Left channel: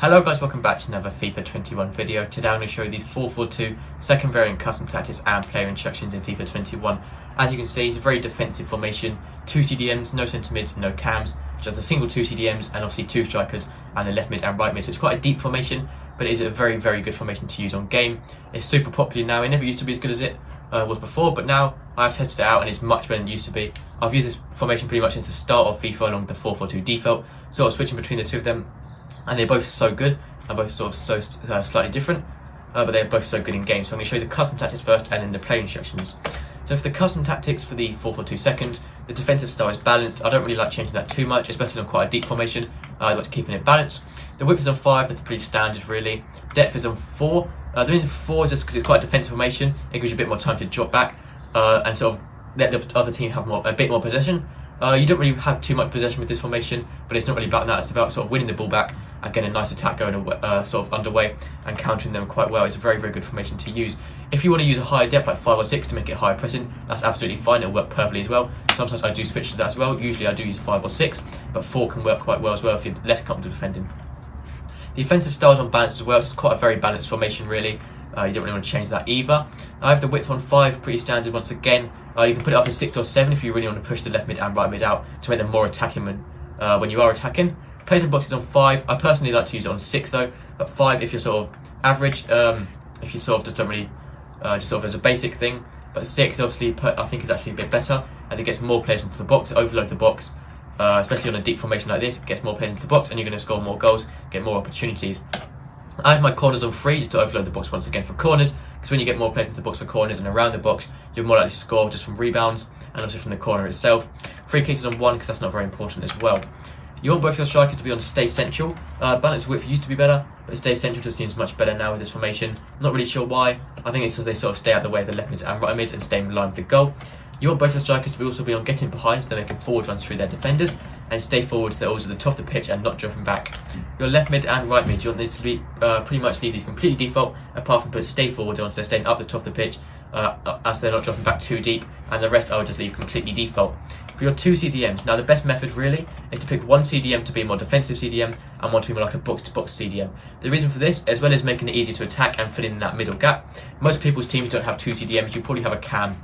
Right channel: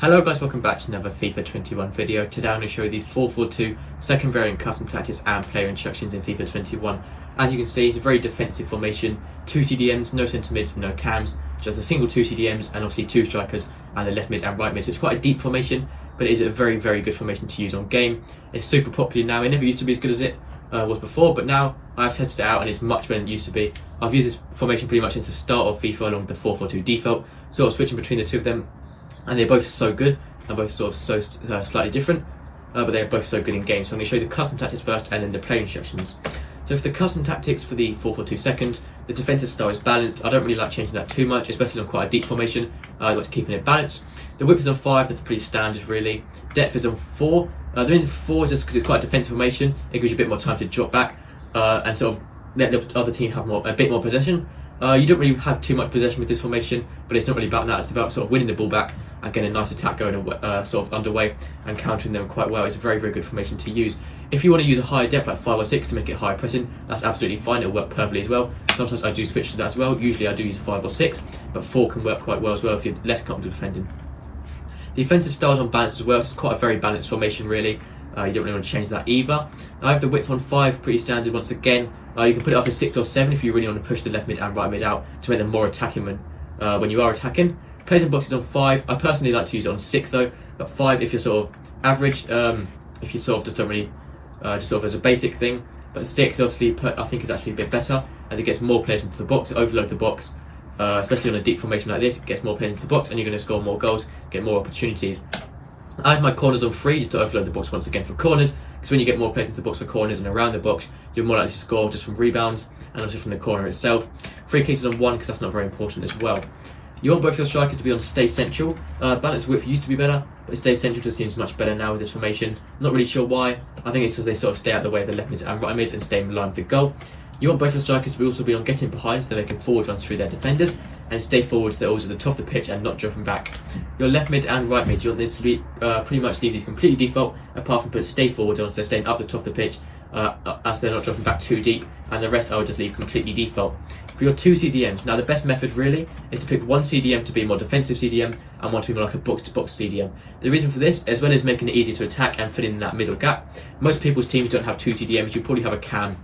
Hello guys, welcome back to another FIFA 21 video. Today I'm going to show you these 4-4-2 second variant custom tactics and player instructions in FIFA 21. As you can see, it's a very defensive formation. 2 CDMs, no centre mids, no cams, just a single 2 CDMs and obviously 2 strikers and the left mid and right mid. So it's quite a deep formation, but it is a very, very good formation to use on game. It's super popular now. It never used to be as good as it was before, but now I've tested it out and it's much better than it used to be. I've used this formation pretty much since the start of FIFA along with the 4-4-2 default, sort of switching between the two of them. And they're both so good, and both sort of so slightly different, but they're both so good in game. So I'm going to show you the custom tactics first and then the player instructions. So for the custom tactics for the 4-4-2 second, the defensive style is balanced. I don't really like changing that too much, especially on quite a deep formation. I like keeping it balanced. The width is on 5, that's pretty standard really. Depth is on 4. The reason for 4 is just because it's quite a defensive formation. It gives you a bit more time to drop back and sort of let the other team have a bit more possession. You don't really have too much possession with this formation, but it's not really about that. It's about sort of winning the ball back and getting a nice attack going sort of underway and countering them quite well. It's a very, very good formation to use. If you want to use a higher depth like 5 or 6 to make it higher pressing, that's absolutely fine. It'll work perfectly as well. Sometimes I do switch to that as well. Usually I do use 5 or 6, but 4 can work quite well as well if you're less comfortable defending. The offensive style is on balance as well. It's quite a very balanced formation really. You don't really want to change that either. I have the width on 5, pretty standard once again. You can put it up to 6 or 7 if you really want to push the left mid and right mid out to make them more attacking when you are attacking. Players and boxes on 5. I personally like to use it on 6 though, but 5 if you're sort of average, if you sort of just don't really, just sort of as a basic thing. But 6 obviously I think is actually a bit better as it gets more players into the box, overload the box. Especially on a deep formation like this, it gets more players into the box and you're going to score more goals, get more opportunities. I have my corners on 3 just to overload the box once again for corners, because when you get more players into the box for corners and around the box, you're more likely to score just from rebounds and also from the corner itself. Free kicks on 1 because that's not very important as well. You want both your strikers to be on stay central. Balance width used to be better, but stay central just seems much better now with this formation. Not really sure why. I think it's because they sort of stay out of the way of the left mids and right mids and stay in line with the goal. You want both your strikers to also be on getting behind so they're making forward runs through their defenders and stay forward so they're always at the top of the pitch and not dropping back. Your left mid and right mid, you want them to be pretty much leave these completely default apart from put stay forward on so they're staying up the top of the pitch as they're not dropping back too deep, and the rest I would just leave completely default. For your 2 CDMs, now the best method really is to pick one CDM to be a more defensive CDM and one to be more like a box-to-box CDM. The reason for this, as well as making it easy to attack and fill in that middle gap, most people's teams don't have 2 CDMs, you probably have a cam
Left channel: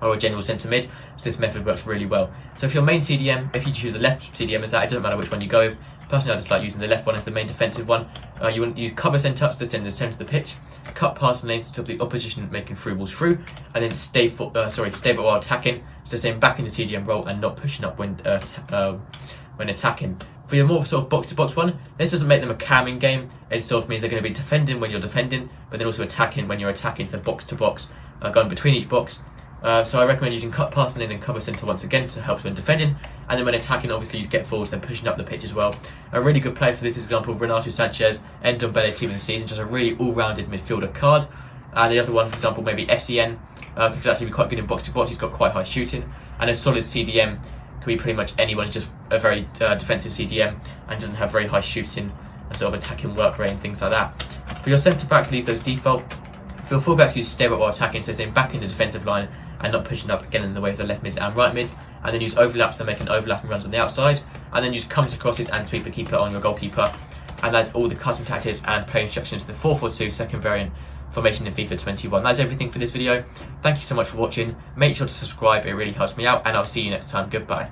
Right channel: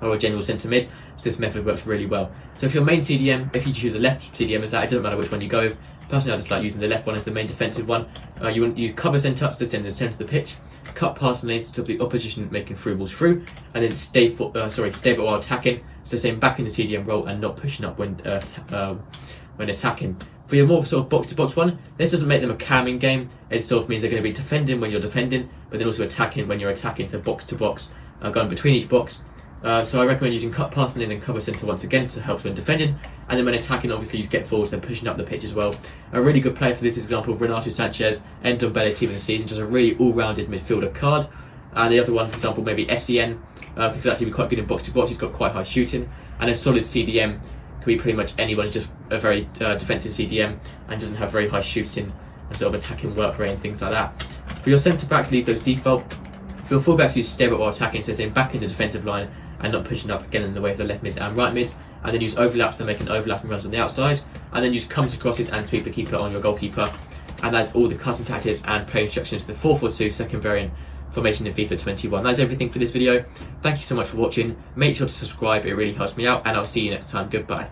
or a general centre mid, so this method works really well. So if your main CDM, if you choose the left CDM as that, it doesn't matter which one you go with. Personally, I just like using the left one as the main defensive one. You cover centre ups in the centre of the pitch, cut passing lanes to stop the opposition making through balls through, and then stay but while attacking, so staying back in the CDM role and not pushing up when attacking. For your more sort of box-to-box one, this doesn't make them a camming game. It sort of means they're going to be defending when you're defending, but then also attacking when you're attacking, so box-to-box, going between each box. So I recommend using cut passing lanes and cover centre once again to help when defending, and then when attacking obviously you get forwards and pushing up the pitch as well. A really good player for this is example of Renato Sanchez, end of Belly team of the season, just a really all-rounded midfielder card. And the other one, for example, maybe SEN, could actually be quite good in box-to-box, he's got quite high shooting, and a solid CDM could be pretty much anyone, just a very defensive CDM and doesn't have very high shooting and sort of attacking work rate and things like that. For your centre-backs, leave those default. For your full-backs, use stay while attacking, so staying back in the defensive line and not pushing up again in the way of the left mids and right mids, and then use overlaps for making overlapping runs on the outside, and then use comes and crosses and sweep the keeper on your goalkeeper. And that's all the custom tactics and play instructions for the 4-4-2 second variant formation in FIFA 21. That's everything for this video. Thank you so much for watching. Make sure to subscribe, it really helps me out, and I'll see you next time. Goodbye.